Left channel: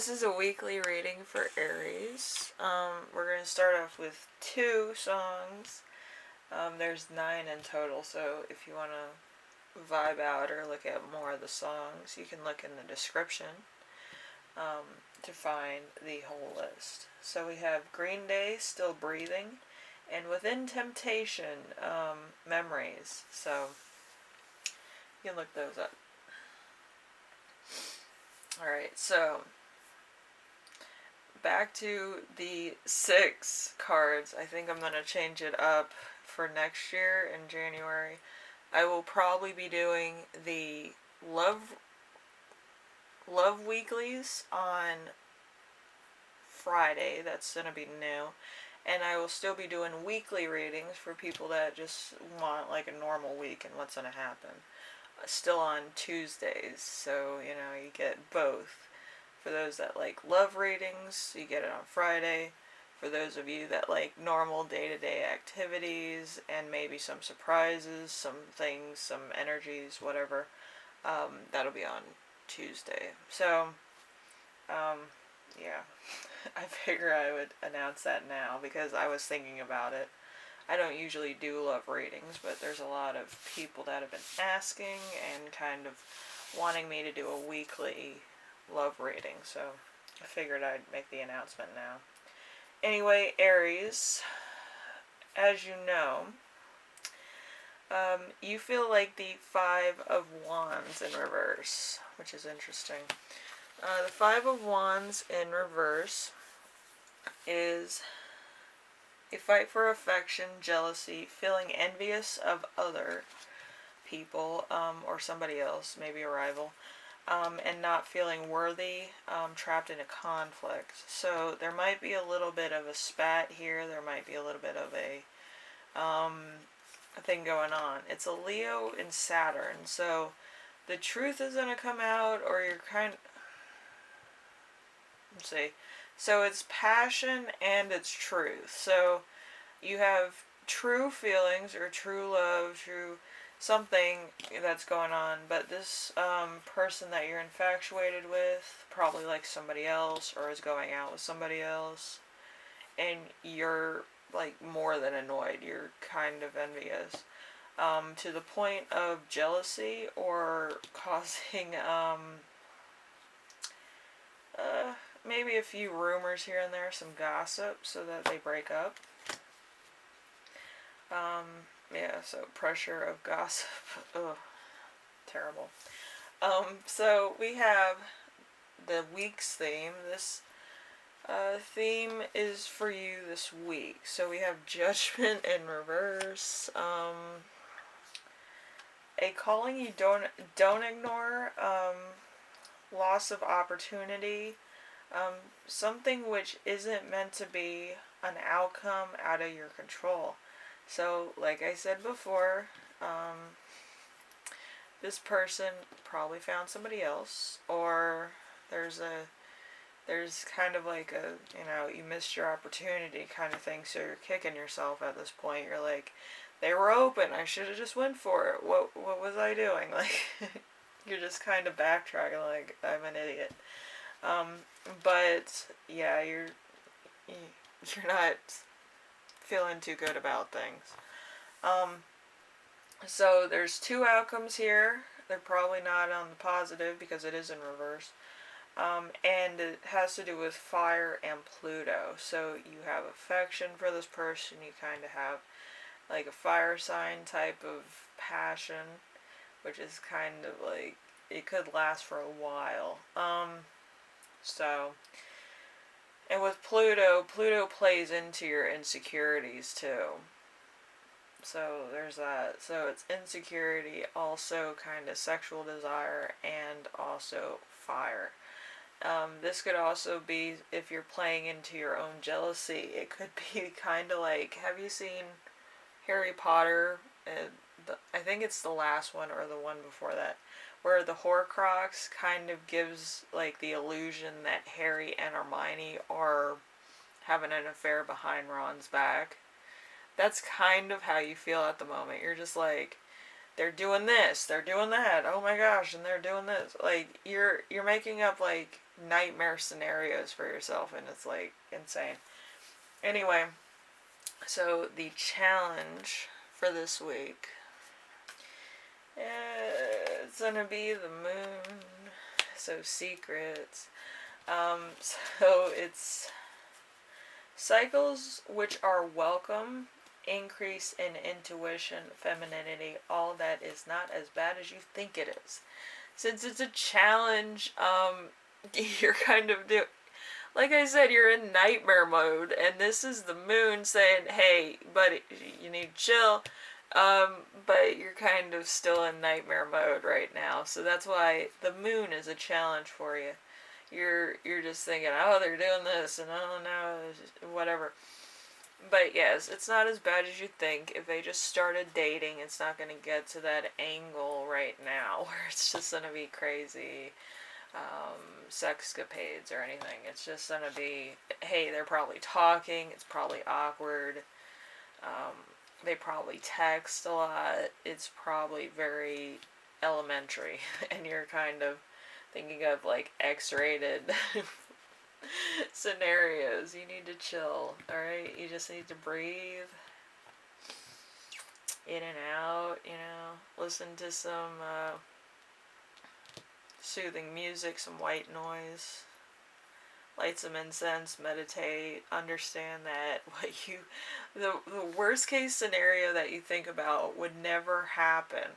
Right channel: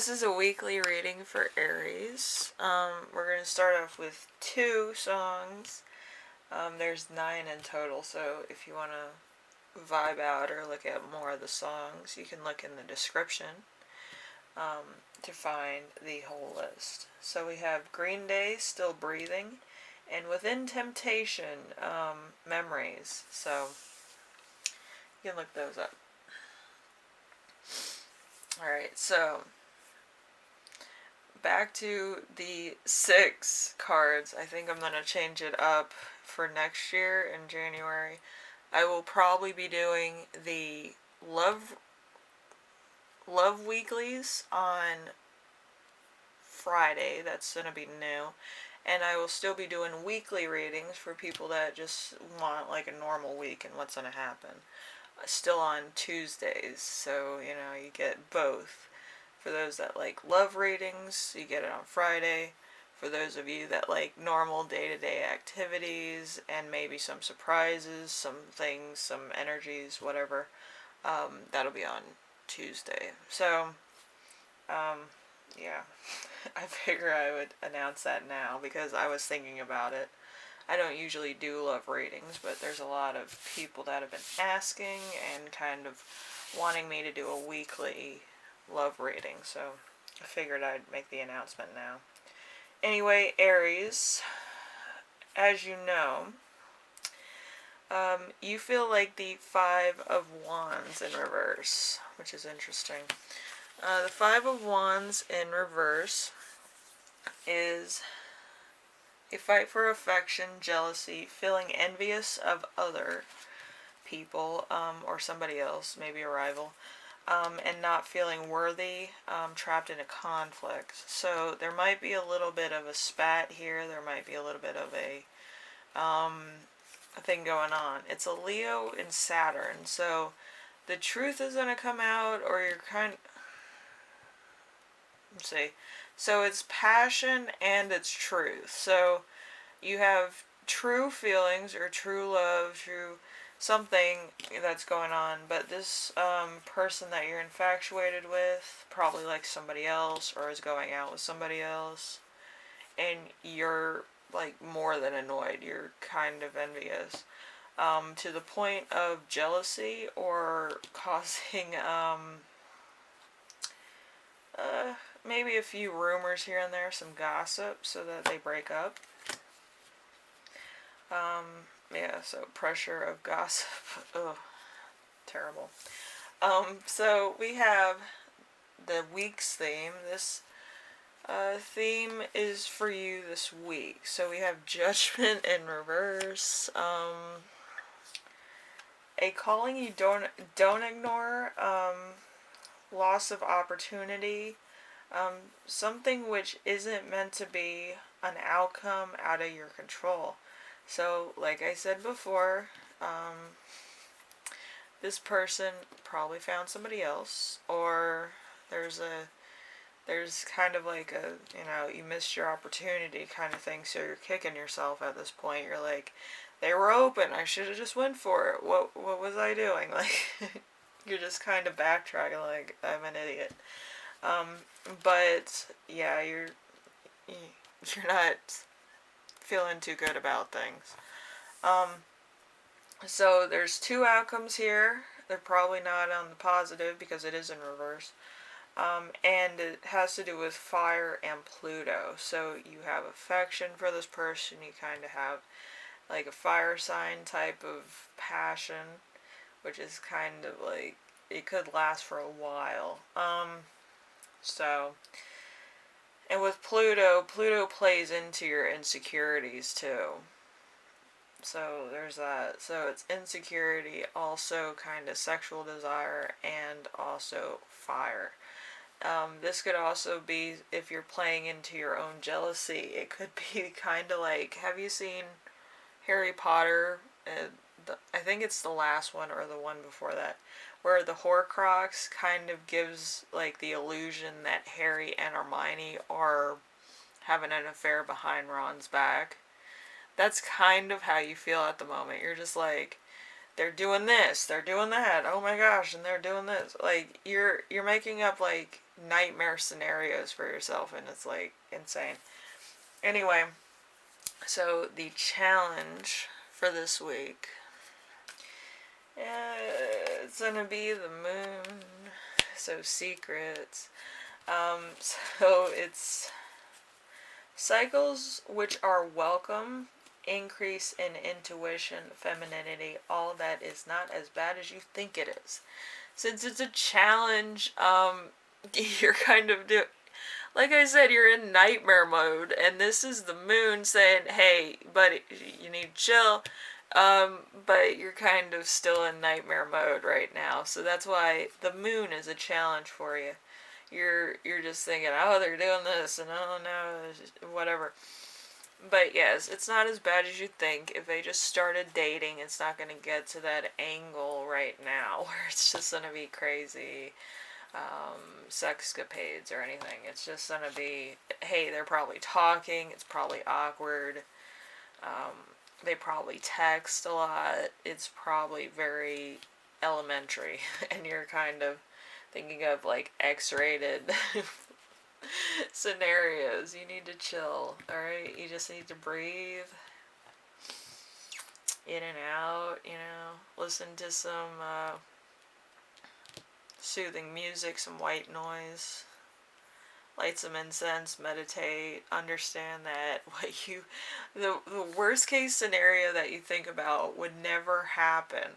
This is a weekly reading for Aries. We're going to start off with 2 songs. There's 9 in total, so if you want to vibe out or look at more of the songs, you can look in the description to find the whole list. So we have Green Day, Still Breathing, and Within Temptation, Memories. So you can look those up. Alright, so back to the 6 cards. I think I'm going to change it up for next year in January. I will probably be doing the love weeklies on Friday. That's going to be new. And I will still be doing weekly readings for people that just want like a normal week and what's going to happen. Still on Tuesdays, so you get both. For those that like love readings, you get it on Friday. For those of you that like normal day-to-day activities and maybe some surprises, some things, some energies, whatever, that'll be on Tuesday. So, yeah, I figure I would announce that now because I was thinking about it. I don't usually do love readings, but there's a lot of people that have been asking and kind of wanting me to do a weekly love reading, so I figured I'd make the announcement now. Anyway, Aries, as you know, you feel like the 5 of Wands in reverse, which is interesting. The 5 of Wands in reverse is a fight for affection, jealousy, feeling envious of other people or somebody else, maybe a rival. And not feeling worthy, trapped in a conflict. So there might be a little bit of a spat here. There might be a little bit of a thing going on. It's a Leo in Saturn. So the truth is going to come out, or you're let's see. So it's passion and it's truth. So you have true feelings or true love, true something that's going on, but this person that you're infatuated with probably likes somebody else or is going out with somebody else, and you're like more than annoyed. You're kind of envious, to the point of jealousy or causing maybe a few rumors here and there, some gossip, so that they break up. Yeah, so pressure of gossip. Ugh, terrible. So we have the week's theme. This theme is for you this week. So we have Judgment in reverse. A calling you don't ignore. Loss of opportunity. Something which isn't meant to be an outcome out of your control. So, like I said before, this person probably found somebody else, or there's kind of like a, you missed your opportunity kind of thing, so you're kicking yourself at this point. You're like, they were open, I should have just went for it. What was I doing? Like, you're just kind of backtracking like, I'm an idiot. But, yeah, you're not feeling too good about things. So there's 2 outcomes here. They're probably not on the positive because it is in reverse. And it has to do with fire and Pluto. So you have affection for this person. You kind of have like a fire sign type of passion, which is kind of like, it could last for a while. So, and with Pluto plays into your insecurities too. So there's that. So it's insecurity, also kind of sexual desire, and also fire. This could also be, if you're playing into your own jealousy, it could be kind of like, have you seen Harry Potter? I think it's the last one or the one before that, where the Horcrux kind of gives like the illusion that Harry and Hermione are having an affair behind Ron's back. That's kind of how you feel at the moment. You're just like, they're doing this, they're doing that, oh my gosh, and they're doing this. Like, you're making up like nightmare scenarios for yourself, and it's like insane. Anyway, so the challenge for this week, it's gonna be the moon. So secrets. So it's cycles which are welcome, increase in intuition, femininity, all that is not as bad as you think it is. Since it's a challenge, you're kind of like I said, you're in nightmare mode, and this is the moon saying, "Hey, buddy, you need to chill." But you're kind of still in nightmare mode right now, so that's why the moon is a challenge for you. You're just thinking, oh, they're doing this, and oh no, whatever. But yes, it's not as bad as you think. If they just started dating, it's not going to get to that angle right now where it's just going to be crazy sexcapades or anything. It's just going to be, hey, they're probably talking. It's probably awkward. They probably text a lot. It's probably very elementary, and you're kind of thinking of like X-rated scenarios. You need to chill, alright? You just need to breathe in and out, listen to some soothing music, some white noise, light some incense, meditate, understand that the worst case scenario that you think about would never happen,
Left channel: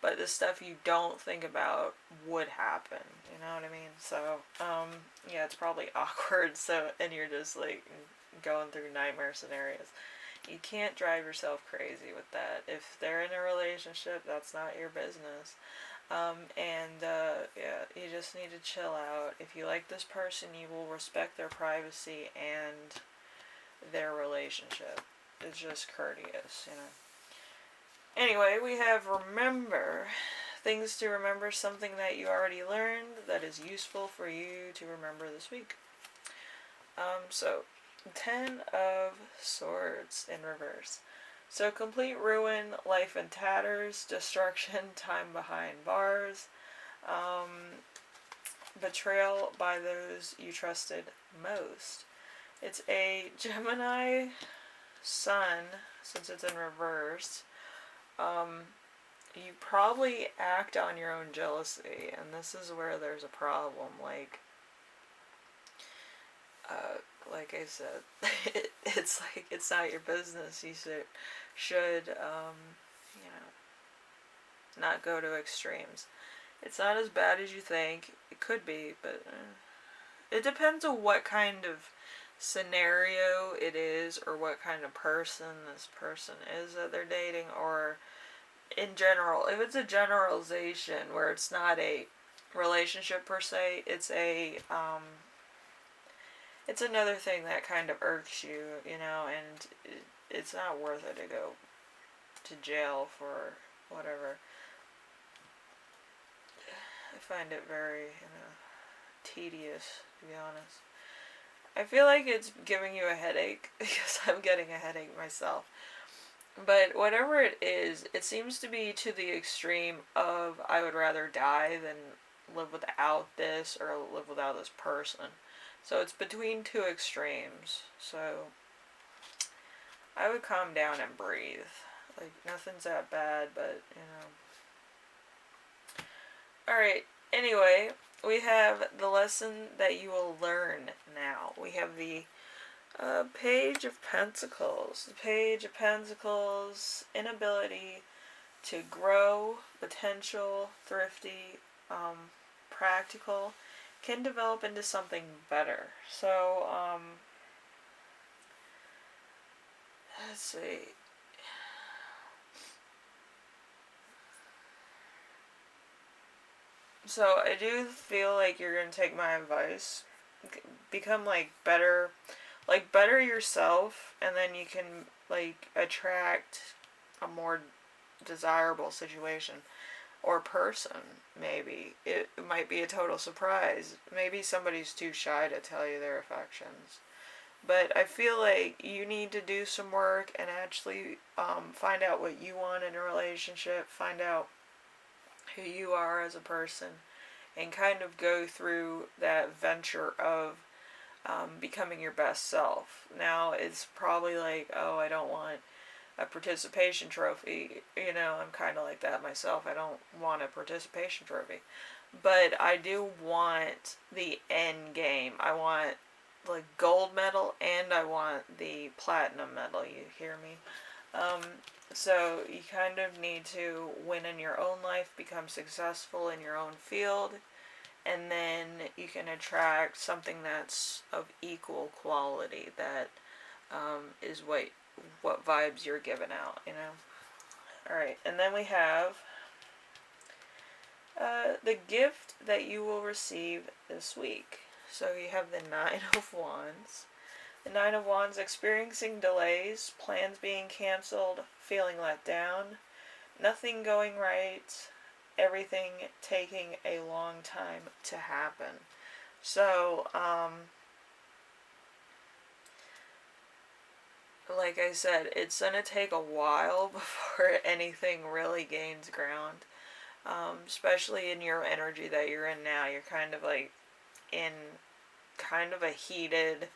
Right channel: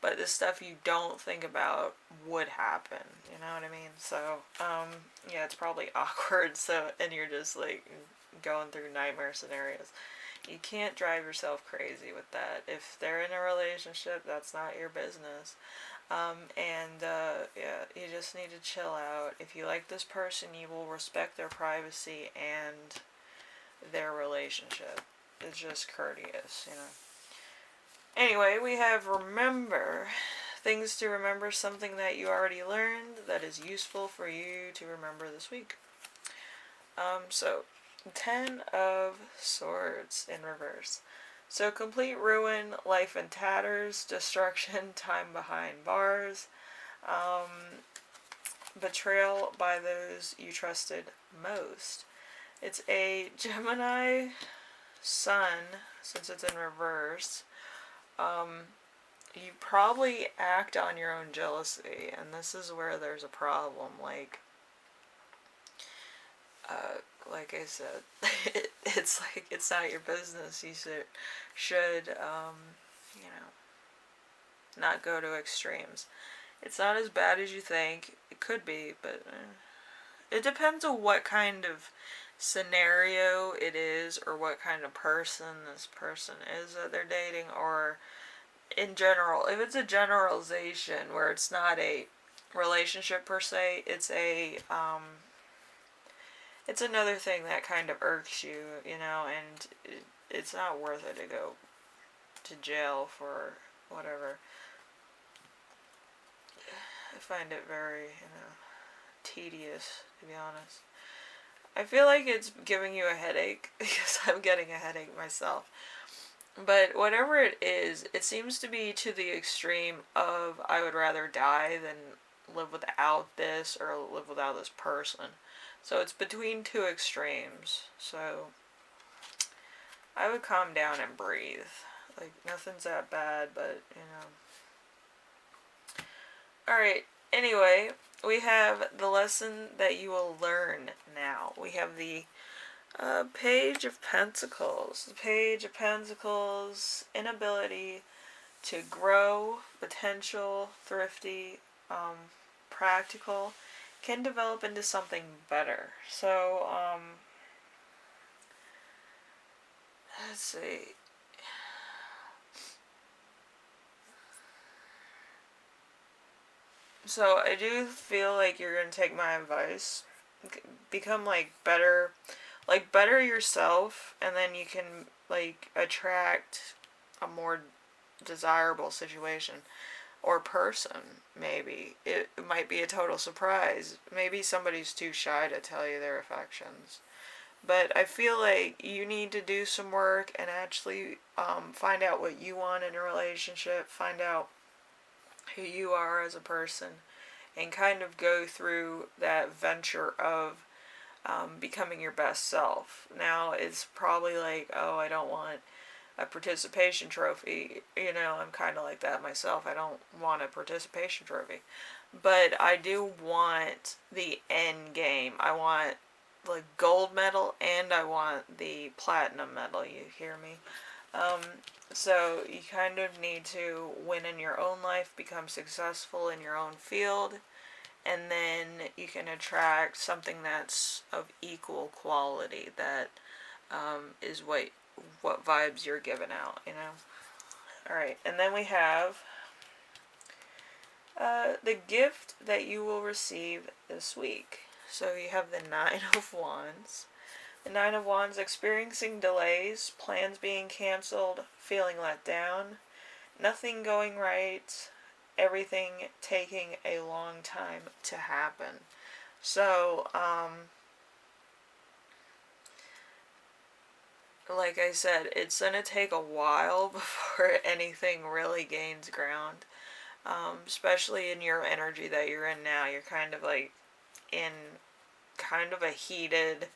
but the stuff you don't think about would happen, you know what I mean? So, yeah, it's probably awkward, so, and you're just, like, going through nightmare scenarios. You can't drive yourself crazy with that. If they're in a relationship, that's not your business. Yeah, you just need to chill out. If you like this person, you will respect their privacy and their relationship. It's just courteous, Anyway, we have remember. Things to remember, something that you already learned that is useful for you to remember this week. So, 10 of Swords in reverse. So, complete ruin, life in tatters, destruction, time behind bars, betrayal by those you trusted most. It's a Gemini sun, since it's in reverse. You probably act on your own jealousy, and this is where there's a problem. Like I said, it's like it's not your business. You should not go to extremes. It's not as bad as you think. It could be, but it depends on what kind of scenario it is, or what kind of person this person is that they're dating, or in general. If it's a generalization where it's not a relationship per se, it's it's another thing that kind of irks you, and it's not worth it to go to jail for whatever. I find it very, tedious, to be honest. I feel like it's giving you a headache, because I'm getting a headache myself. But whatever it is, it seems to be to the extreme of, I would rather die than live without this, or live without this person. So it's between two extremes. So I would calm down and breathe. Like, nothing's that bad, but, Alright, anyway, we have the lesson that you will learn now. We have the Page of Pentacles. The Page of Pentacles, inability to grow, potential, thrifty, practical, can develop into something better. So, let's see. So, I do feel like you're going to take my advice. Become, better yourself, and then you can, attract a more desirable situation or person. Maybe it might be a total surprise. Maybe somebody's too shy to tell you their affections, but I feel like you need to do some work and actually find out what you want in a relationship, find out who you are as a person, and kind of go through that venture of becoming your best self. Now, it's probably like, oh, I don't want a participation trophy. I'm kind of like that myself. I don't want a participation trophy. But I do want the end game. I want the gold medal and I want the platinum medal. You hear me? Um, so you kind of need to win in your own life, become successful in your own field, and then you can attract something that's of equal quality that is what vibes you're giving out. Alright, and then we have the gift that you will receive this week. So you have the Nine of Wands. The Nine of Wands, experiencing delays, plans being canceled, feeling let down, nothing going right, everything taking a long time to happen. So, like I said, it's going to take a while before anything really gains ground. Especially in your energy that you're in now. You're kind of like in kind of a heated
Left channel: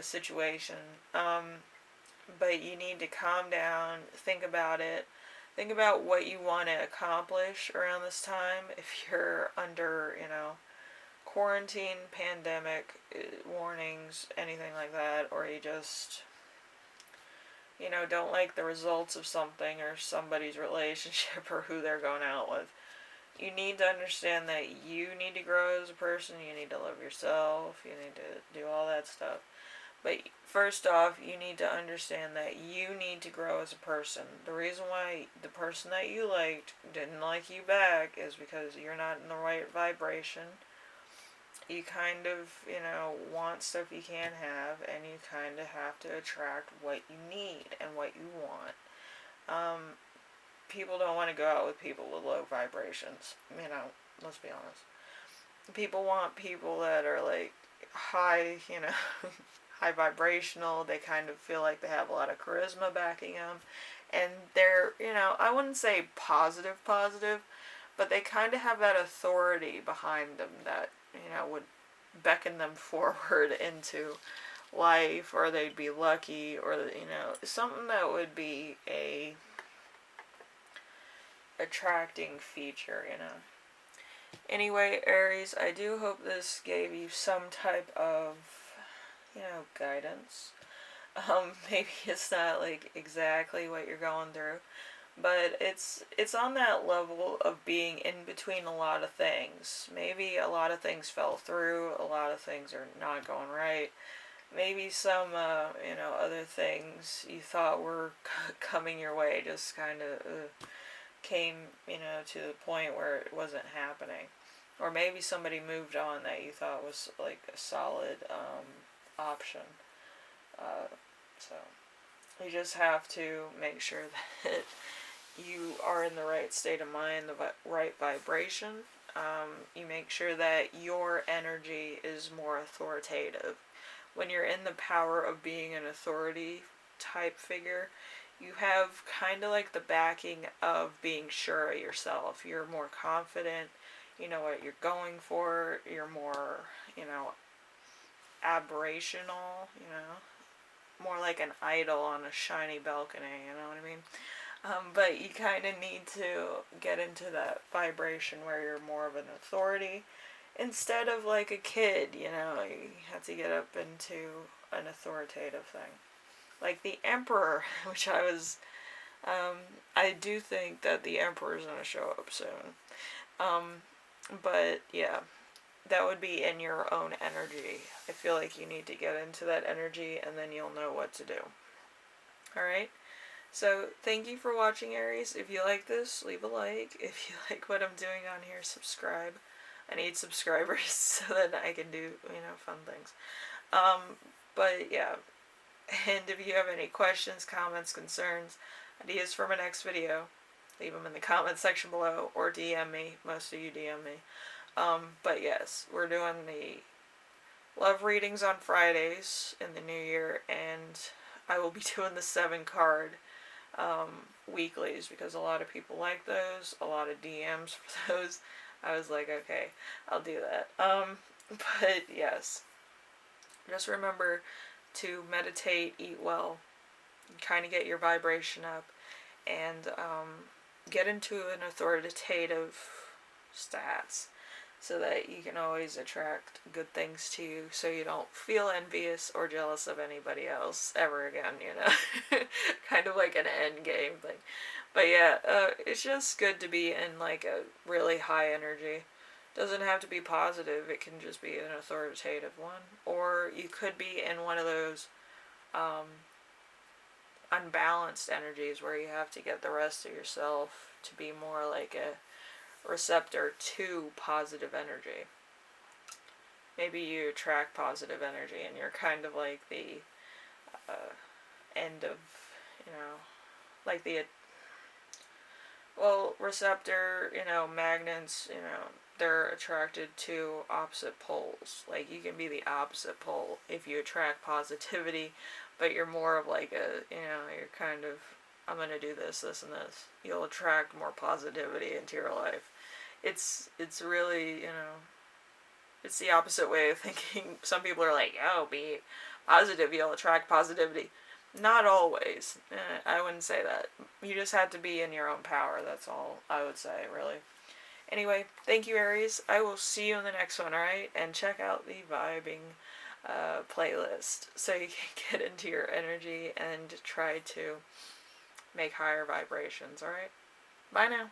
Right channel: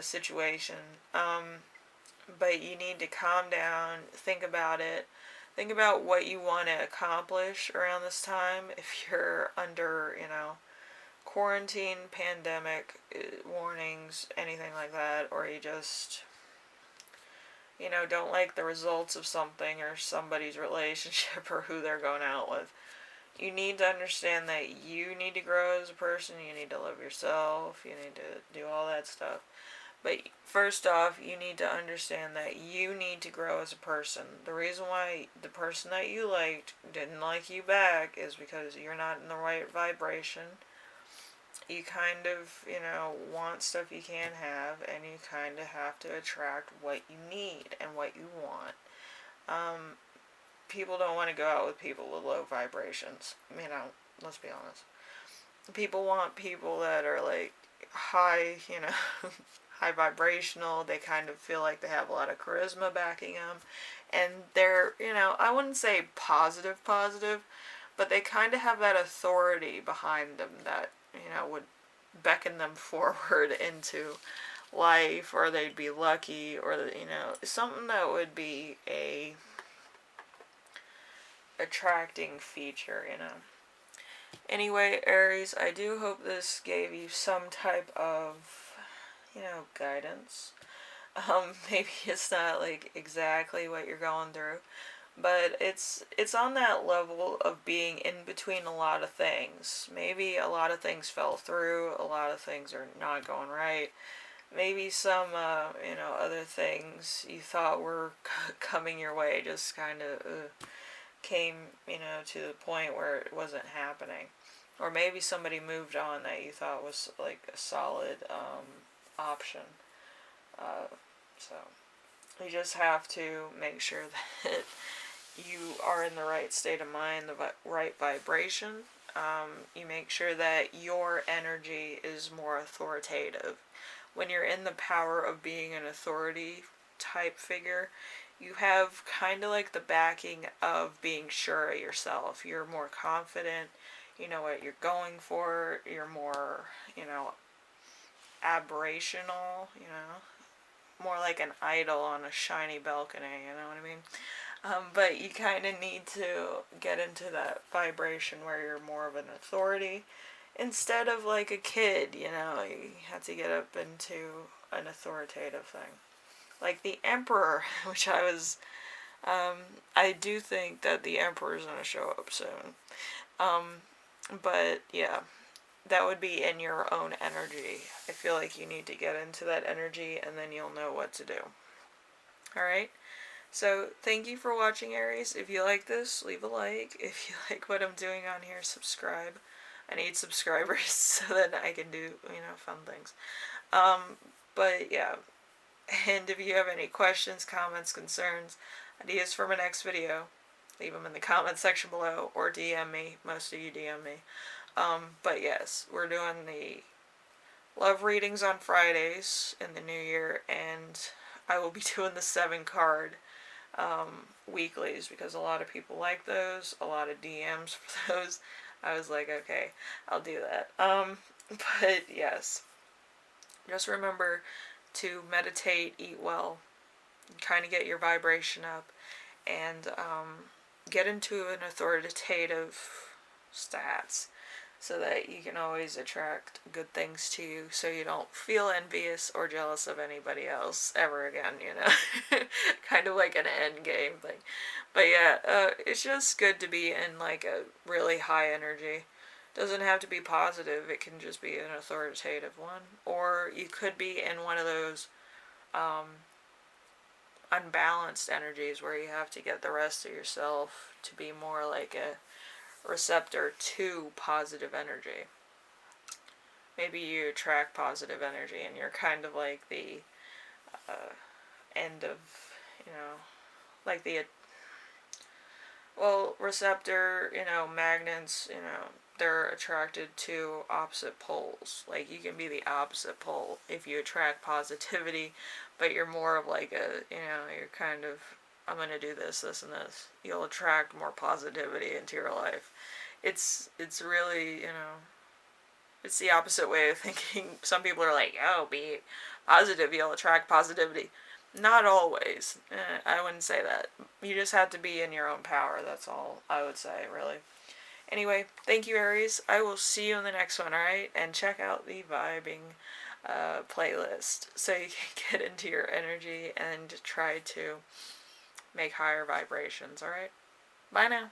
situation. But you need to calm down, think about it. Think about what you want to accomplish around this time. If you're under, quarantine, pandemic, warnings, anything like that, or you just, don't like the results of something or somebody's relationship or who they're going out with. You need to understand that you need to grow as a person, you need to love yourself, you need to do all that stuff. But first off, you need to understand that you need to grow as a person. The reason why the person that you liked didn't like you back is because you're not in the right vibration. You kind of, want stuff you can't have, and you kind of have to attract what you need and what you want. People don't want to go out with people with low vibrations. Let's be honest. People want people that are like high, high vibrational. They kind of feel like they have a lot of charisma backing them. And they're, I wouldn't say positive, but they kind of have that authority behind them that, would beckon them forward into life, or they'd be lucky, or, something that would be a attracting feature. Anyway, Aries, I do hope this gave you some type of, guidance. Maybe it's not like exactly what you're going through, but it's on that level of being in between a lot of things. Maybe a lot of things fell through, a lot of things are not going right. Maybe some, other things you thought were coming your way just kind of came, to the point where it wasn't happening. Or maybe somebody moved on that you thought was like a solid option. So you just have to make sure that you are in the right state of mind, the right vibration. You make sure that your energy is more authoritative. When you're in the power of being an authority type figure, you have kind of like the backing of being sure of yourself. You're more confident, you know what you're going for, you're more, aberrational, more like an idol on a shiny balcony, you know what I mean? But you kind of need to get into that vibration where you're more of an authority instead of like a kid, you have to get up into an authoritative thing. Like the Emperor, which I do think that the Emperor's going to show up soon. But yeah, that would be in your own energy. I feel like you need to get into that energy and then you'll know what to do. Alright? So, thank you for watching, Aries. If you like this, leave a like. If you like what I'm doing on here, subscribe. I need subscribers so that I can do, fun things. But yeah. And if you have any questions, comments, concerns, ideas for my next video, leave them in the comment section below or DM me. Most of you DM me. But yes, we're doing the love readings on Fridays in the new year, and I will be doing the 7 card weeklies because a lot of people like those, a lot of DMs for those. I was like, okay, I'll do that. But yes, just remember to meditate, eat well, kind of get your vibration up, and get into an authoritative stats so that you can always attract good things to you so you don't feel envious or jealous of anybody else ever again, you know? Kind of like an end game thing. But yeah, it's just good to be in like a really high energy. Doesn't have to be positive, it can just be an authoritative one. Or you could be in one of those um, unbalanced energies where you have to get the rest of yourself to be more like a receptor to positive energy. Maybe you attract positive energy and you're kind of like the uh, end of, you know, like the, well, receptor, you know, magnets, you know, they're attracted to opposite poles. Like, you can be the opposite pole if you attract positivity, but you're more of like a, you know, you're kind of, I'm going to do this, this, and this. You'll attract more positivity into your life. It's really, you know, it's the opposite way of thinking. Some people are like, oh, be positive, you'll attract positivity. Not always. I wouldn't say that. You just have to be in your own power. That's all I would say, really. Anyway, thank you, Aries. I will see you in the next one, alright? And check out the vibing playlist so you can get into your energy and try to make higher vibrations, alright? Bye now.